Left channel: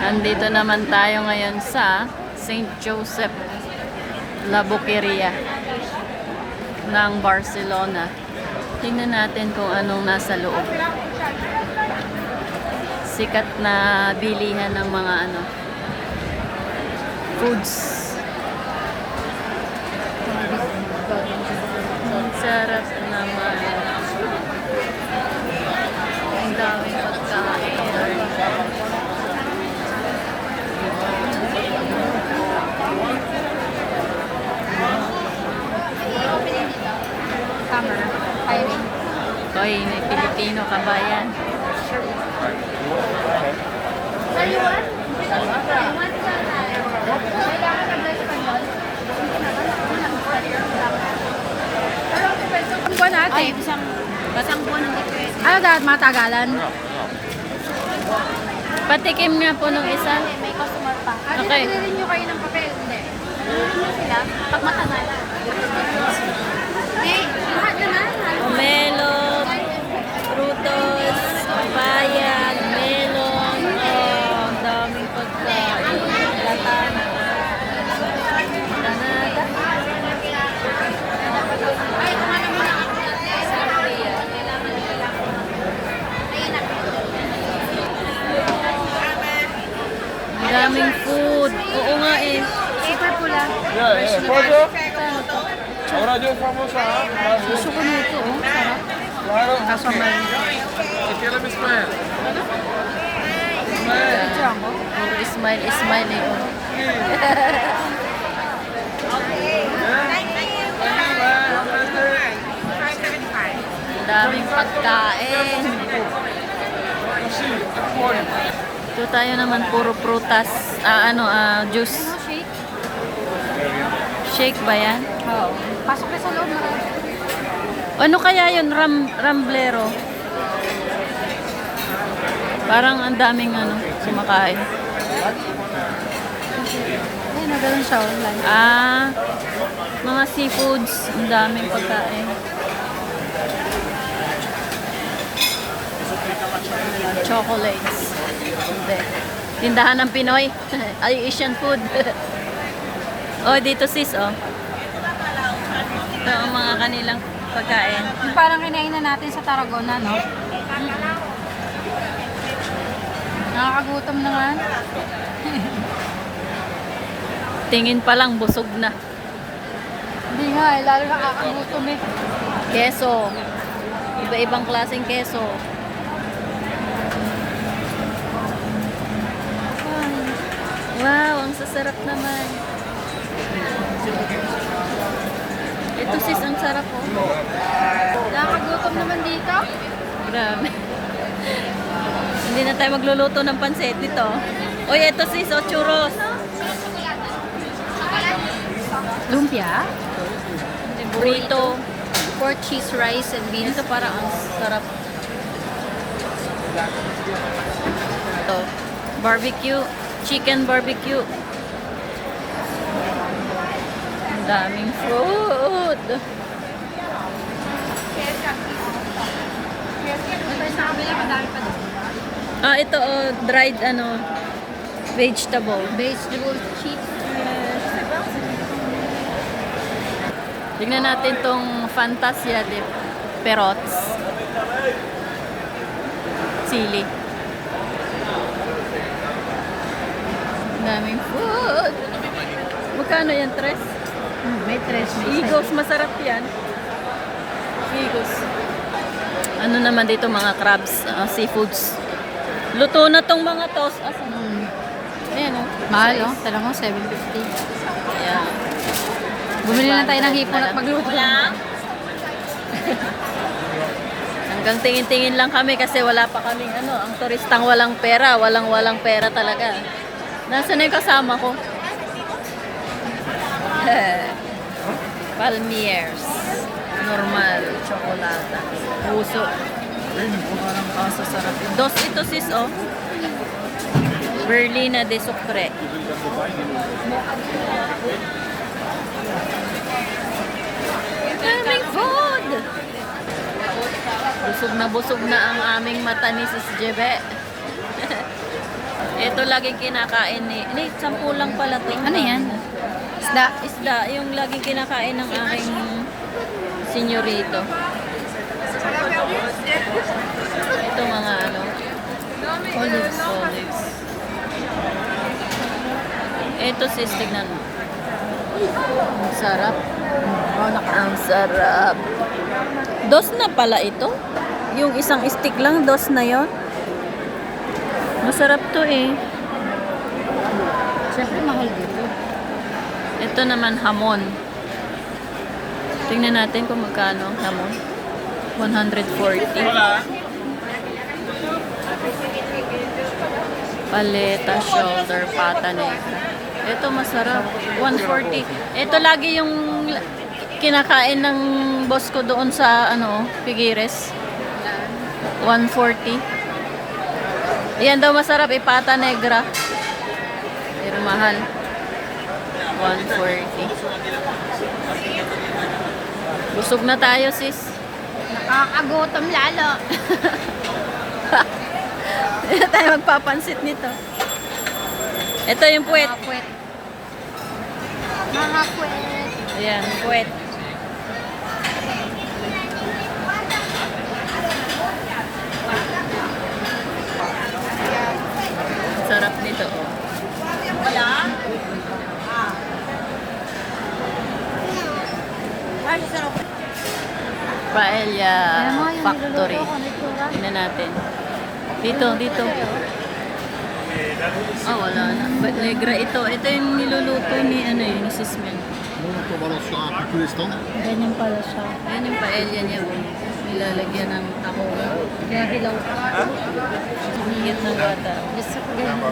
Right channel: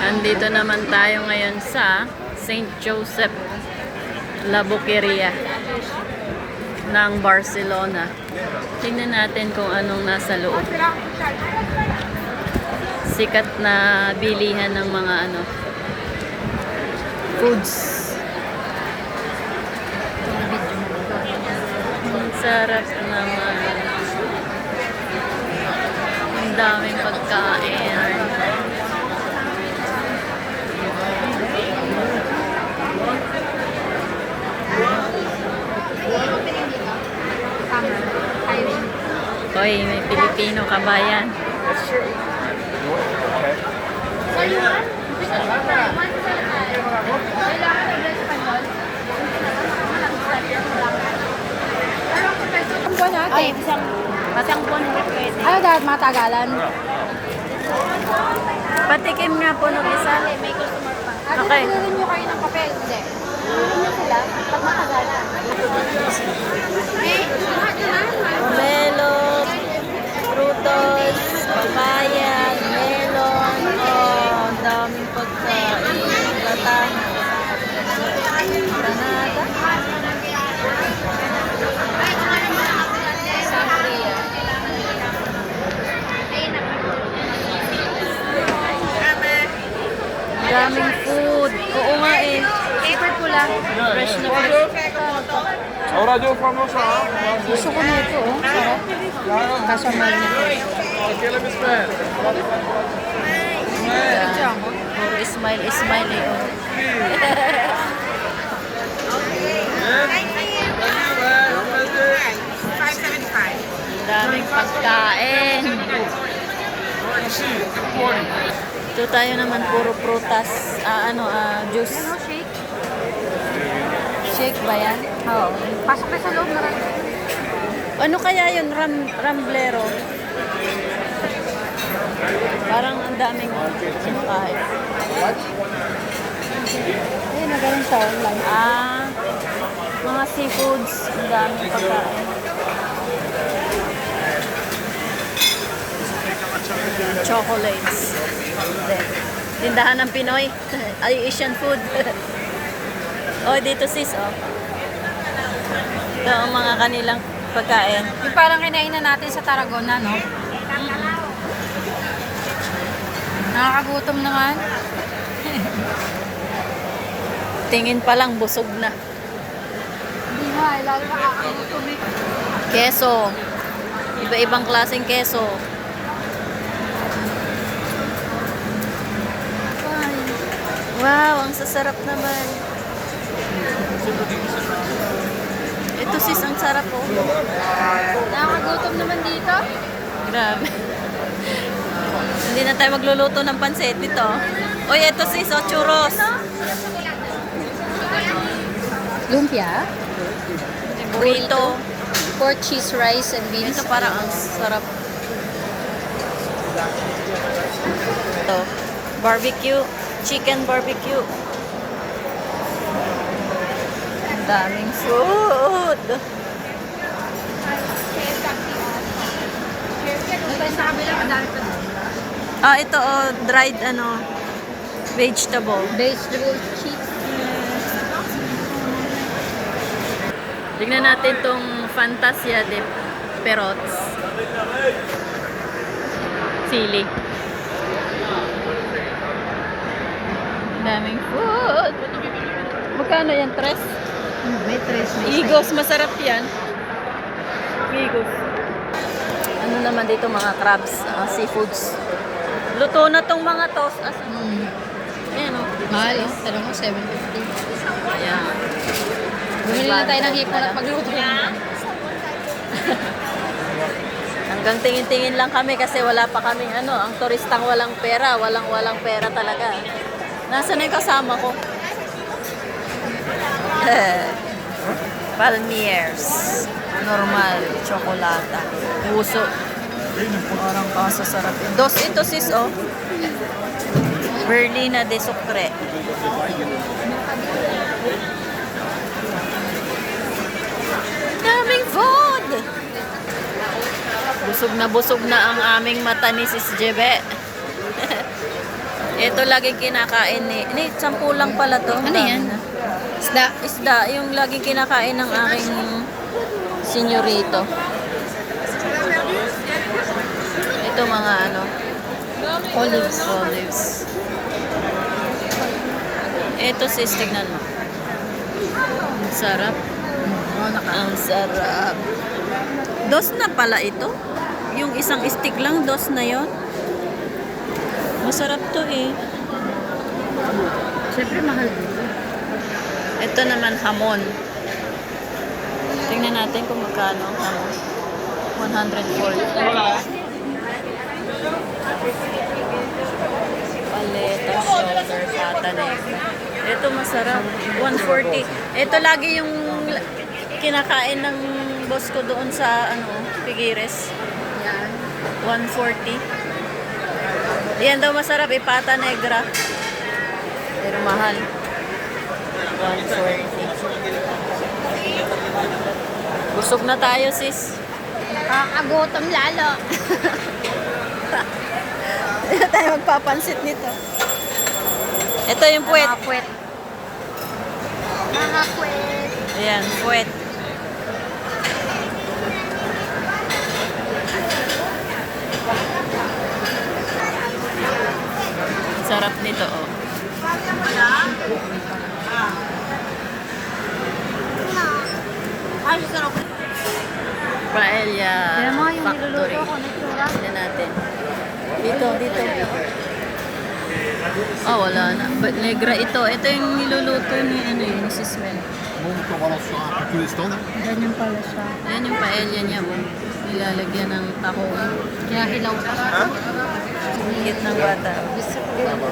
Andito naman tayo ngayon sa St. Joseph La Boqueria ng Barcelona. Tingnan natin kung anong nasa loob. Sikat na bilihan ng mga foods. Ang sarap naman. Ang daming pagkain. Summer. Hiring. Hoy, may Pilipino kabayan. Ano natin? Pasang po ng Ano dapat matagalan? patikim nga po nung isa. Ate, Okay. nagre-renew nyo kayo ng papel? Hindi. Nagre-renew sila? Pag matagalan. Pomelo, frutos, papaya, melon. Oh, ang daming pagkain. Platano. Granada. Sangria. Ang daming food. Oo nga eh. Super pula. Fresh na fresh. Ahora yo famosa, ¿ah? Gusto ko na ito, oh. Sarap. Claro. Kaso mahal nito. Aquí es la misma. Picture ako. Puro smile, smile eh. Oh. Ang daming pagkain. Así, corn. Ito tayo naman puro prutas. Juice. Ano, shake? Shake ba yan? Oo. Pasok na sa loob, marami. Ano kaya yun? Ramblero. Parang ang daming kumakain. Ayun, ganun siya online. Mga seafoods. Ang daming pagkain. Chocolates. Hindi. Tindahan ng Pinoy. Ay, Asian food. Oh, dito sis, oh. Ito ang mga kanilang pagkain. Yung parang kinainan natin sa Tarragona, no? Nakakagutom naman. Tingin pa lang, busog na. Hindi nga, lalo nakakagutom eh. Keso. Iba-ibang klaseng keso. Wow, ang sasarap naman. Ito sis, ang sarap oh. Nakakagutom naman dito. Grabe. Hindi na tayo magluluto ng pansit dito. Oy, ito sis, oh, churros. Lumpia. Burrito. Pork cheese, rice, and beans. Ito parang ang sarap. Ito, barbecue. Chicken barbecue. Ang daming food. Sa kabila, madami pa doon. Ito oh, dried vegetable. Vegetable chips. Tignan natin tong Fantasia de Perots. Sili. Daming food. Magkano yan, Tres? May tres. Igos, masarap yan. Igos. Ano naman dito, mga crabs, seafoods. Luto na tong mga tos. Asan? Ayan o. Mahal, oh. Talagang mo, 750. Yeah. Bumili na tayo ng hipon at magluto. Hanggang tingin-tingin lang kami kasi wala pa kaming ang turistang walang pera. Walang pera talaga. Nasaan na yung kasama ko? Palmiers. Normal. Chocolata. Puso. Parang kaso sarap. Dos ito sis, oh. Berlina de Sucre. Daming food! Busog na ang aming mata ni Sis Jebe. Ito laging kinakain ni 10 lang pala to. Ano yan? Isda. Isda, yung laging kinakain ng aking senyorito. Ito mga ano, olives. Ito sis, tignan mo. Ang sarap. Ang sarap. Dos na pala ito. Yung isang stick lang, dos na yon. Masarap to eh. Siyempre mahal dito. Ito naman hamon. Tingnan natin kung magkano ang hamon. 140. Hola. Paleta, shoulder, pata negra. Ito masarap. 140. Ito lagi yung kinakain ng boss ko doon sa ano, Figueres. Yan. 140. Yan daw masarap, ipata negra. Pero mahal. 140. Busog na tayo, sis. Nakakagutom lalo. Hindi na tayo magpapansit nito. Ito yung puwet. Mga kwet. Mga kwet. Ayan, puwet. Sarap nito, oh. Ay, sarap. Paella Kaya mga yung Factory. niluluto ko, nagtura. Tingnan natin. Dito. Ah, wala na. But negra ito. Ito yung niluluto ni, ano yun, ni Sis Mel. Molto balanceato tous les stand. Ganyan pala siya. Ayan yung paella niya, oh. Nilalagyan ng tahong. Kinahilaw. Higit ng bata. Gusto ko ganyan.